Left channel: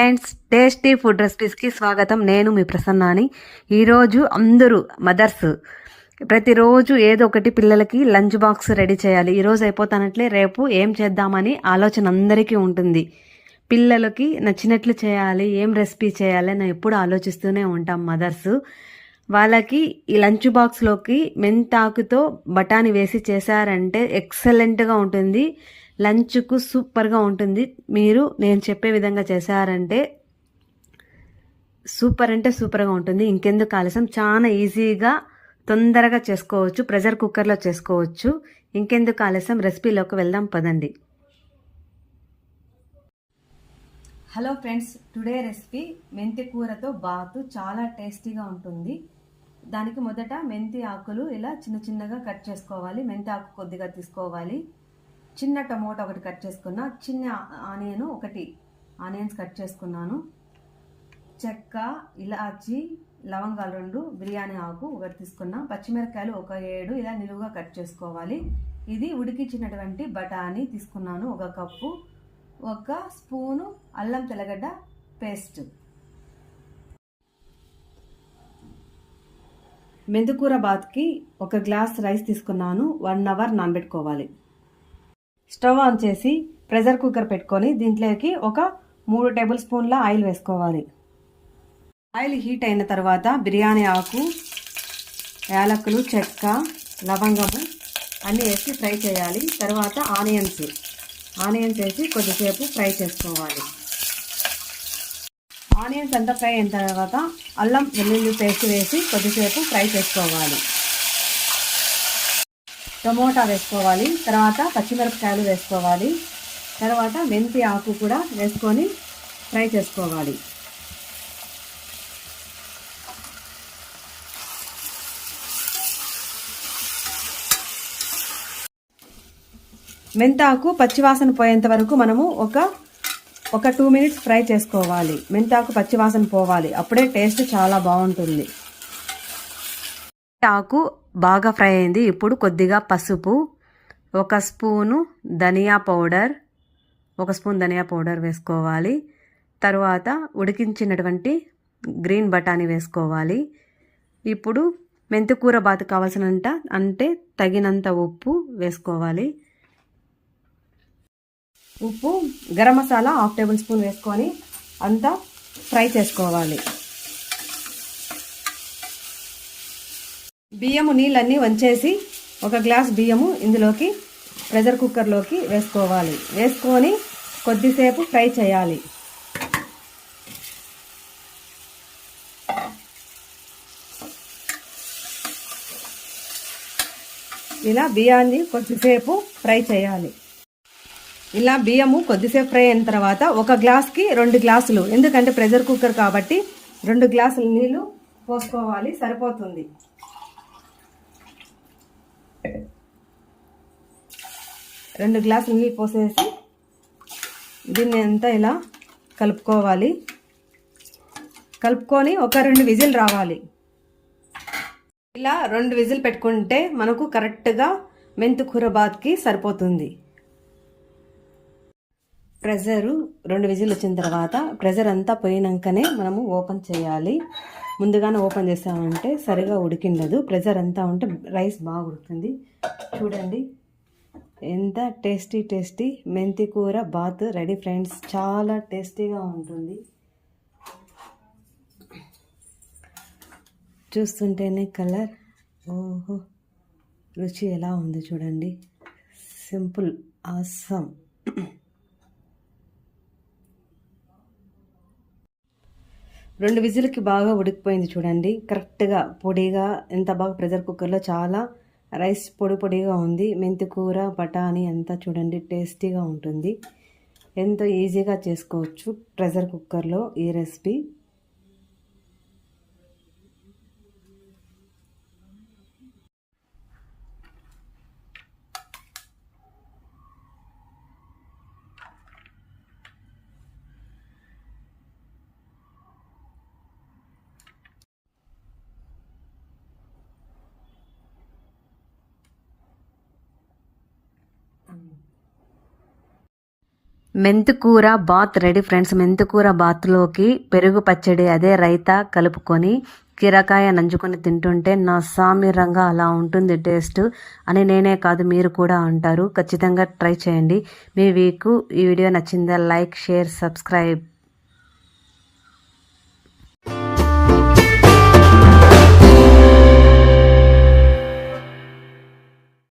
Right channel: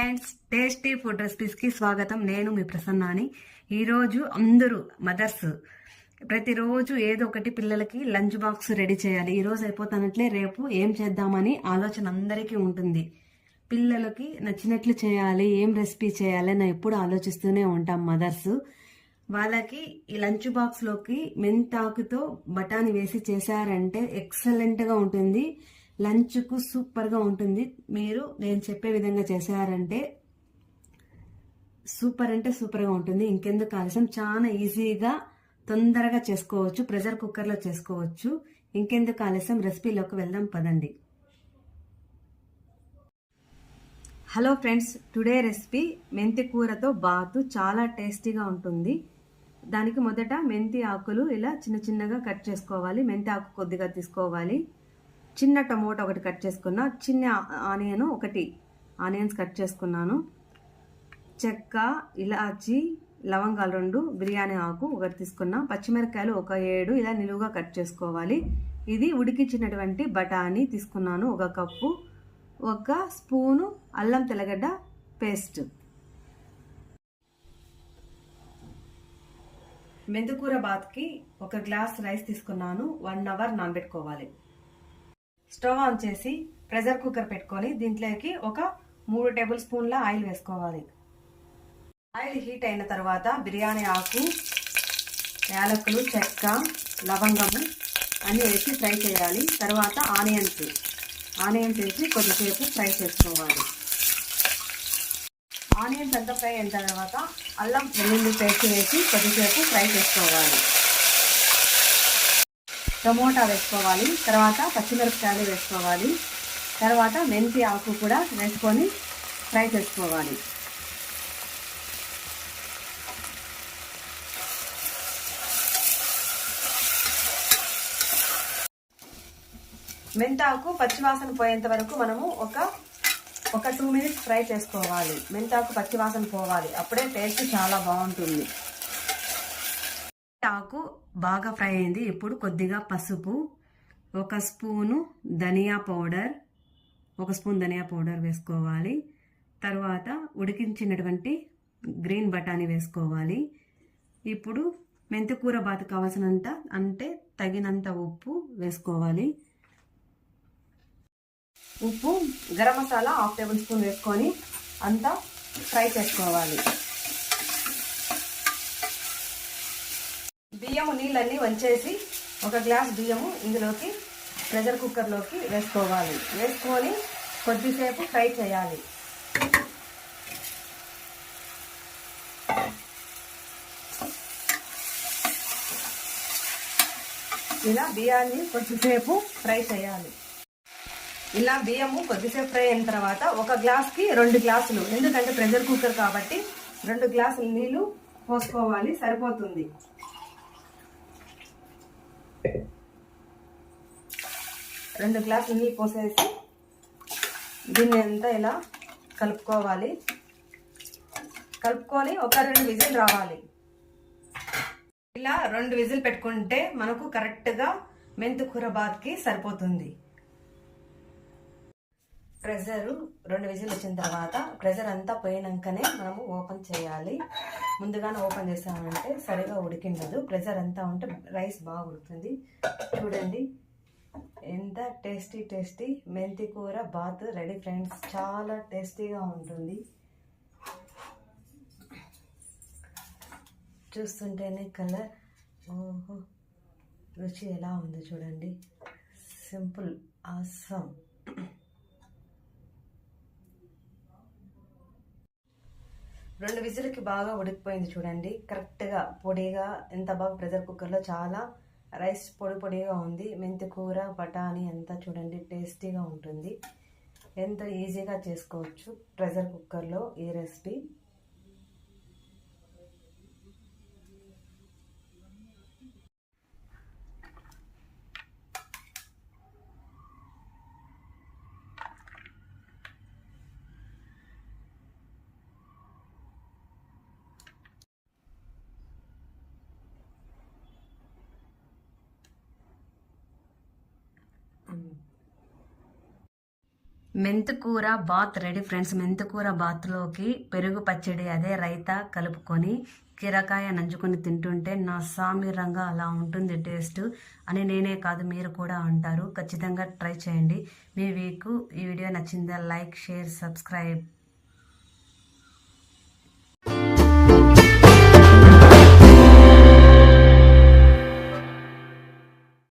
Friends tasty food రెసిపీస్కి స్వాగతం. నేను మీ ప్రసన్నాని. ఈరోజు అందరూ మదర్స్ ప్రతిరోజు ఏదో ఒకటి పిల్లలకి లంచ్ బాక్స్ రెడీ చేయాలి. ఈరోజు అయిపోతానట్లే రేపు ఏం చేద్దామని ఆలోచన అందరికీ ఉంటుంది. పిల్లలకి నచ్చినట్లు చేయాలి ఏం రెసిపీ చేయాలి అని ఎప్పుడు ఆలోచిస్తూనే ఉంటాం మదర్స్. వాళ్ళకి ఈ లంచ్ బాక్స్లోకి మెంతాకుతో బఠానీ వేసి చేశారంటే ఎక్సలెంట్గా ఉంటుంది. లంచ్కు సూపర్గా ఉంటుంది. మీరు నేను చెప్పే విధంగా చేశారంటే సూపర్ అంటే సూపర్గా ఉంటుంది. ఇంకెందుకు ఆలస్యం? చాలా ఈజీగా తొందరగా చేసుకోవచ్చు. ప్రెషర్ కుక్కర్లో చేసుకోవచ్చు. ఇంకెందుకు ఆలస్యం? రెసిపీలోకి వెళ్దాం పదండి. హలో ఫ్రెండ్స్ టుడే రెసిపీ మెంతి కూరతో బాతు చాలా టేస్టీగా ఉంటుంది. దానికి మొదట మెంతి ఆకులు ఇలా చిన్న చిన్నగా కట్ చేసుకోవాలి. మెంతి ఆకు కొద్దిగా తీసుకోవాలి. చిన్న టమోటా ఒకటి కట్ చేసుకున్నా చిన్న ఆనియన్ ఒకటి ఆనియన్స్ కట్ చేసుకున్నాను. చెక్క ఇలాచి లవంగాలు రెండు బిర్యానీ ఆకు ఒకటి తీసుకున్నా పచ్చిమిరపకాయలు ఒక ఏడు ఇలా నిలువుగా కట్ చేసుకోవాలి. ఇది ఉడికించినటువంటి బఠానీ తీసుకున్నాను ఒక కప్పు. ఒక స్పూను అల్లం తెల్లగడ్డ పేస్ట్. మెంతికూర బాత్కి ఒక గ్లాస్ రైస్ తీసుకున్నాను వన్ అవర్ నానబెట్టుకోవాలి. స్టవ్ ఆన్ చేసి ప్రెషర్ కుక్కర్ పెట్టుకొని దీంట్లోకి ఒక మూడు టేబుల్ స్పూన్ల ఆయిల్ వేసుకోవాలి. ఆయిల్ హీట్ అయిన తర్వాత బిర్యానీ ఆకు యాలకులు చెక్క లవంగము అన్నీ వేసి ఫ్రై చేయాలి. తర్వాత ఆనియన్స్ ఆనియన్స్ వేసి కొద్దిసేపు ఫ్రై చేసుకోవాలి. ఆనియన్స్ అంతా ఫ్రై అయిన తర్వాత అల్లం వెల్లుల్లి పేస్ట్ వేసి కొద్దిసేపు ఫ్రై చేసుకోవాలి. టమోటా వేసుకోవాలి. తర్వాత పచ్చిమిరపకాయలు వేసుకోవాలి. తర్వాత మెంతి ఆకు కూడా వేసుకొని ఫ్రై చేసుకోవాలి. మెంతాకు పచ్చివాసన పోయేంత వరకు మనము ఒక ఒక టూ మినిట్స్ ఫ్రై చేసుకోవాలి. మెంతాకు పచ్చివాసన పోవాలి. అప్పుడే టేస్ట్ చాలా బాగుంటుంది. ఆకు బాగా ఫ్రై అయింది. ఇప్పుడు కొద్దిగా పసుపు ఒక స్పూను ధనియా పౌడర్ ఒక స్పూన్ ధనియా పౌడర్ వేసుకోవాలి. తర్వాత ఉడికించినటువంటి గ్రీన్ బఠానీ వేసుకోవాలి. ఇప్పుడు మెంతికూర బాతు కావాల్సినంత అంటే తగినంత ఉప్పు వేసుకోవాలి. ఉప్పు garam masala half tablespoon వేసుకొని అంతా ఫ్రై చేసుకోవాలి. బియ్యము నీళ్ళన్నీ వంచేసి ఒక గ్లాస్ బియ్యము ఇందులోకి ప్రెషర్ కుక్కర్లోకి వేసుకోవాలి. వేసుకొని కొద్దిసేపు ఫ్రై చేయాలి. ఇలా బియ్యాన్ని కొద్దిసేపు ఫ్రై చేయాలి. ఇలా బియ్యము కొద్దిసేపు ఫ్రై అయిన తర్వాత ఒక గ్లాస్కి రెండు గ్లాసులు ఎందుకంటే ప్రెషర్ కుక్కర్ కాబట్టి రెండు గ్లాసులు నీళ్ళు పోసుకోవాలి సరిపోతుంది. రెండు గ్లాసులు నీళ్ళు పోసేసి దీన్ని అంతా ఇలా కలుపుకోవాలి. కలుపుకొని ఒక రెండు విజిల్ రావాలి. ఇలా రెండు విజిల్ పెట్టుకుంటే మనకు కరెక్ట్గా మెంతికూర బాత్కి సరిపోతుంది. ప్రెజరు రెండు విజిల్ వచ్చిన తర్వాత ప్రెజర్ అంతా పోయినాకనే మనము ఓపెన్ చేయాలి. ముందుగానే ఓపెన్ చేసామంటే సరిగా ఉడికిండదు. ప్రెజర్ అంతా ఉంటే రైస్ బాగా ఉడుకుతుంది. చూడండి. ఎంత టేస్టీ టేస్టీ మెంతి కూర బాత్ రెడీ ఫ్రెండ్స్. చాలా టేస్టీగా ఉంటుంది. చూస్తుంటేనే కలర్. ఓహో. రుచి ఎలా ఉంది చూడండి. Simple awesome. రెండు విజిల్కి బాగా ఉడికిపోయింది చూడండి. కరెక్ట్గా పొడిగా ఎంత బాగా ప్రెషర్ కుక్కర్లో చాలా రైస్ పొడి పొడిగా ఉంది. మెంతి కూర బఠానీ అంతా చూడండి టేస్టీగా ఉంటుంది. ఎంతో ఈజీగా చేసుకోవచ్చు ప్రెషర్ కుక్కర్లో ఈ రెసిపీ. మెంతికూర బాత్ రెడీ ఫ్రెండ్స్. మెంతికూర బాత్లోకి పెరుగు పచ్చడి అదే రైతా కలుపుకొని కీరకాయ నంచుకొని తింటుంటే నా సామిరంగా అలా ఉంటుంది టేస్ట్ అని నేనే కాదు మీరు కూడా అంటారు. ఖచ్చితంగా ట్రై చేయండి. మీ వీకు ఈ వీడియో నచ్చిందా లైక్ షేర్ సబ్స్క్రైబ్.